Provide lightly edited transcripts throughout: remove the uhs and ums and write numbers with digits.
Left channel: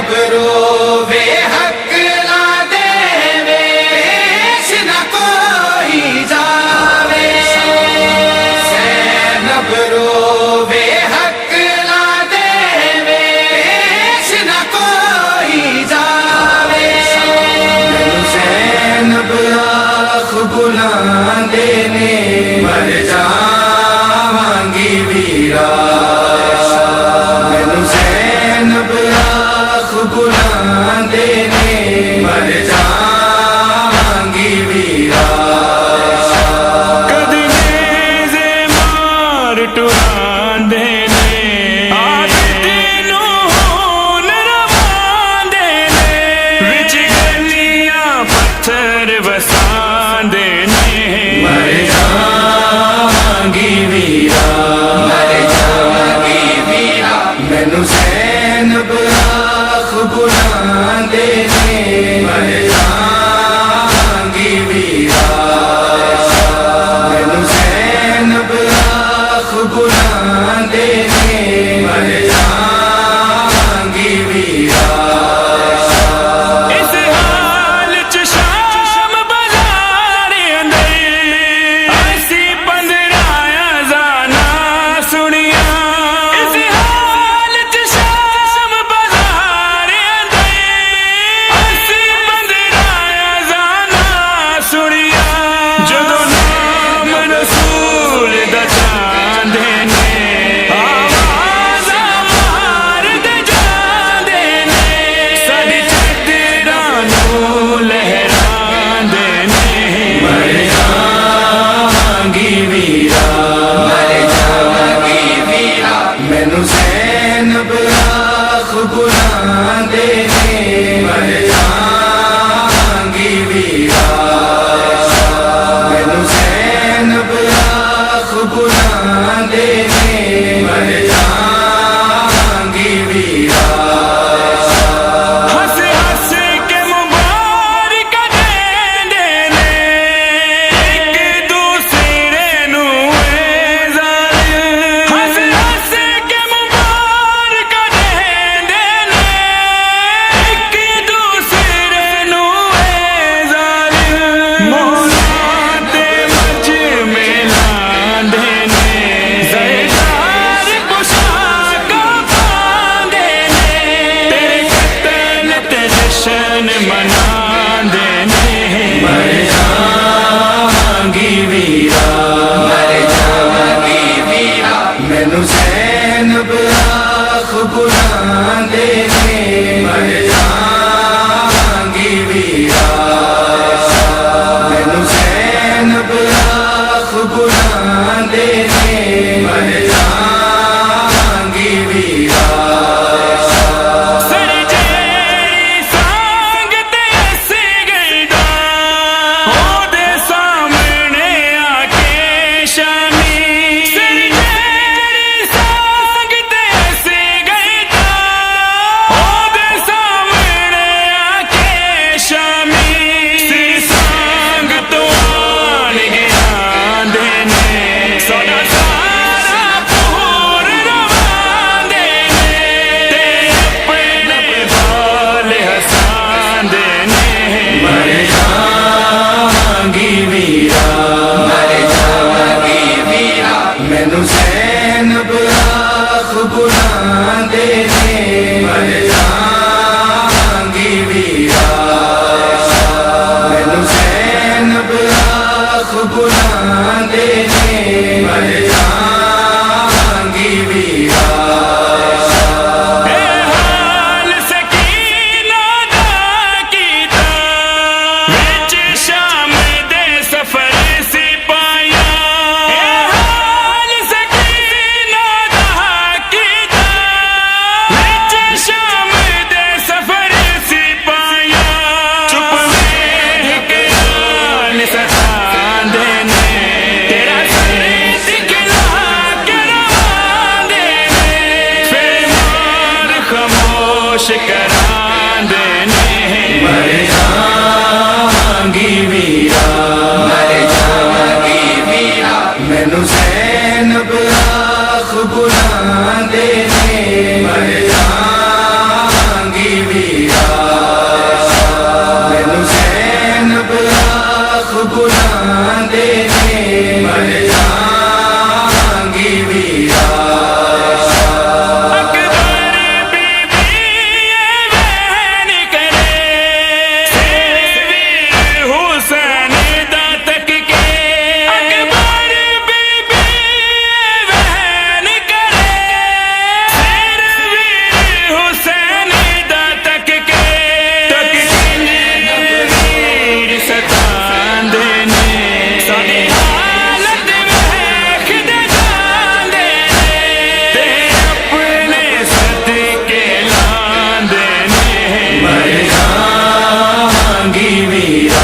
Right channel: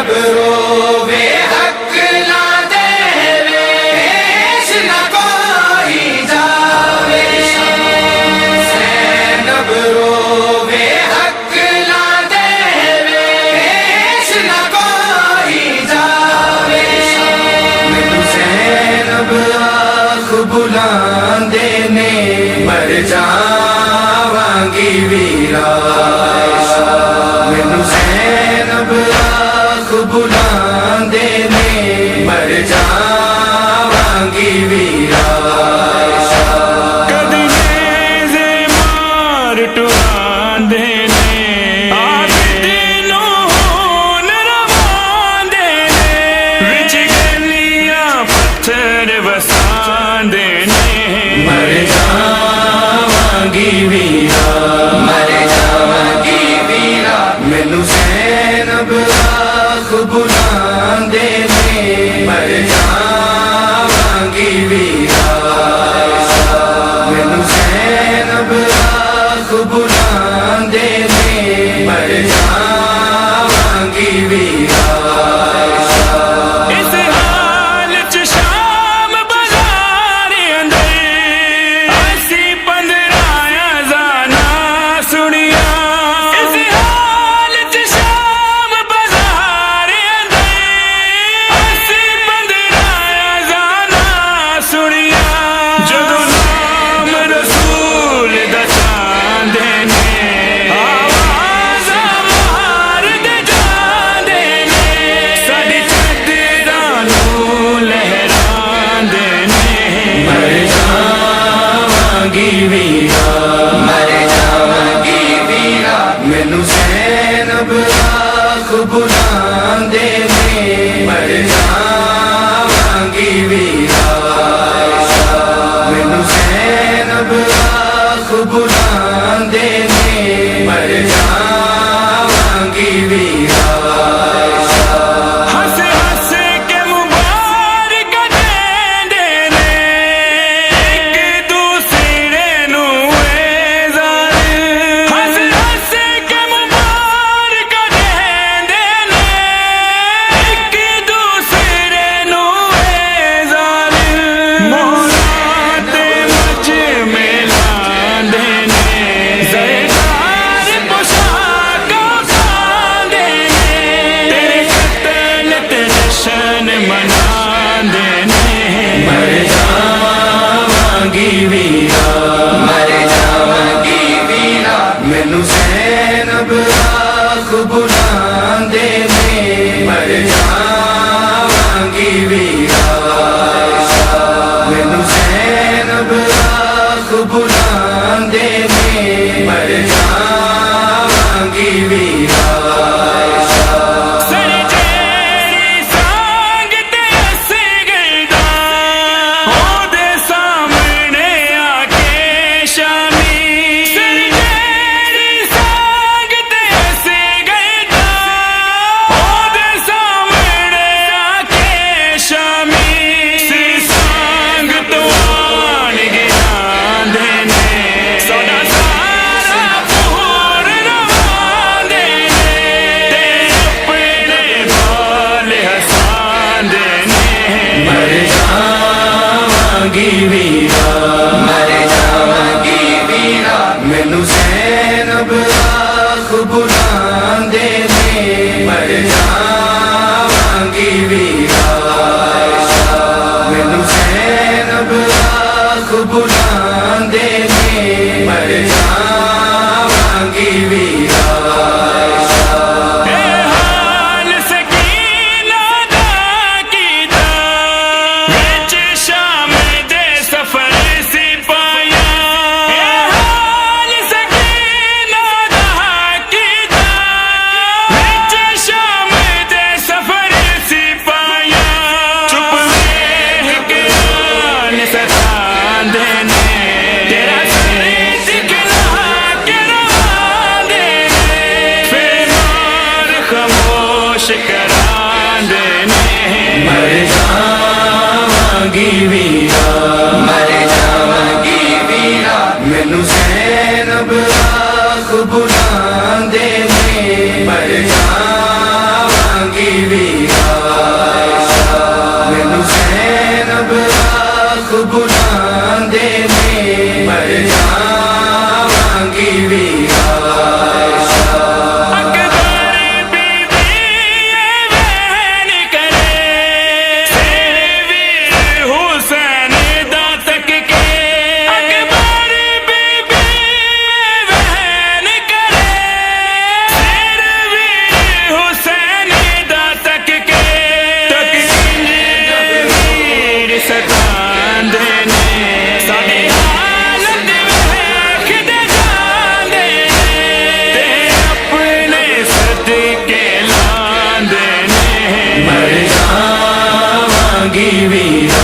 ज़ैनब रोवे हक ना देवे, पेश न कोई जावे। ज़ैनब रोवे हक ना देवे, पेश न कोई जावे। मैनू ज़ैनब आख बुलांदे ने, मर जावांगी वीरा। मैनू ज़ैनब आख बुलांदे ने, मर जावांगी वीरा। कदी नेज़े मार टुरांदे ने, आबिद नूं खून रवांदे ने, विच गलियां पत्थर वसांदे ने, मर जावांगी वीरा। मर जावांगी वीरा। मैनू ज़ैनब आख बुलांदे ने, मर जावांगी वीरा। मैनू ज़ैनब आख बुलांदे ने, मर जावांगी वीरा। इस हाल च शाम बाज़ार अंदर, असी 15 अज़ाना सुनिया। इस हाल च शाम बाज़ार अंदर, असी 15 अज़ाना सुनिया। जदों नाम रसूल दा चांदे ने, आवाज़ां मारदे जांदे ने, साडी चादरां नूं लहरांदे ने, मर जावांगी वीरा। मर जावांगी वीरा। मैनू ज़ैनब आख बुलांदे ने, मर जावांगी वीरा। मैनू ज़ैनब आख बुलांदे ने, मर जावांगी वीरा। हंस हंस के मुबारक देंदे ने, एक दूसरे नूं ए ज़ालिम। हंस हंस के मुबारक देंदे ने, एक दूसरे नूं ए ज़ालिम। मौला ते मजमे लांदे ने, ज़रदार पोशाकां पांदे ने, तेरे कत्ल ते जश्न मनांदे ने, मर जावांगी वीरा। मर जावांगी वीरा। मैनू ज़ैनब आख बुलांदे ने, मर जावांगी वीरा। मैनू ज़ैनब आख बुलांदे ने, मर जावांगी वीरा। सर जेड़ी सांग ते असी गलदा, ओदे सामने आके शामी। सर जेड़ी सांग ते असी गलदा, ओदे सामने आके शामी। सिर सांग तो आन गिरांदे ने, साडा सारा पूर रवांदे ने, ते अपने बाल हसांदे ने, मर जावांगी वीरा। मर जावांगी वीरा। मैनू ज़ैनब आख बुलांदे ने, मर जावांगी वीरा। मैनू ज़ैनब आख बुलांदे ने, मर जावांगी वीरा। ए हाल सकीना दा कीता, विच शाम दे सफर सिपाया। ए हाल सकीना दा कीता, विच शाम दे सफर सिपाया। चुप वेख के आन सतांदे ने, तेरा सर दिखला के रवांदे ने, फिर मार खामोश करांदे ने, मर जावांगी वीरा। मर जावांगी वीरा। मैनू ज़ैनब आख बुलांदे ने, मर जावांगी वीरा। ਵੀਰਾ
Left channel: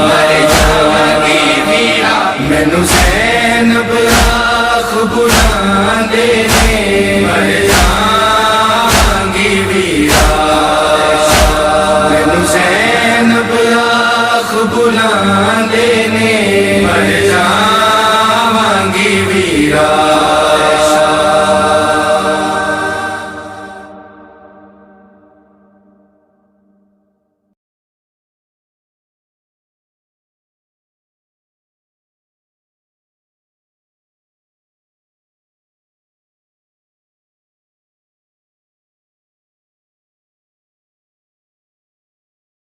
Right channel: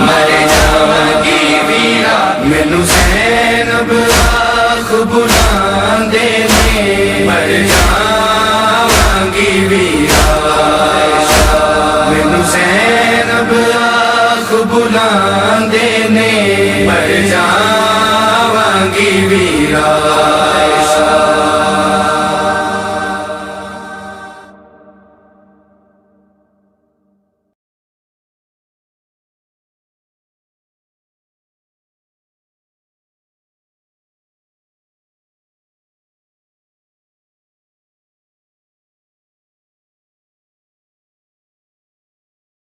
ਮਰ ਜਾਵਾਂਗੀ ਵੀਰਾ ਮੈਨੂੰ ਸੈਨ ਬਲਾਖ ਬੁਲਾਉਂਦੇ ਨੇ ਮਰ ਜਾਵਾਂਗੀ ਵੀਰਾ ਮੈਨੂੰ ਸੈਨ ਬਲਾਖ ਬੁਲਾਉਂਦੇ ਨੇ ਮਰ ਜਾਵਾਂਗੀ ਵੀਰਾ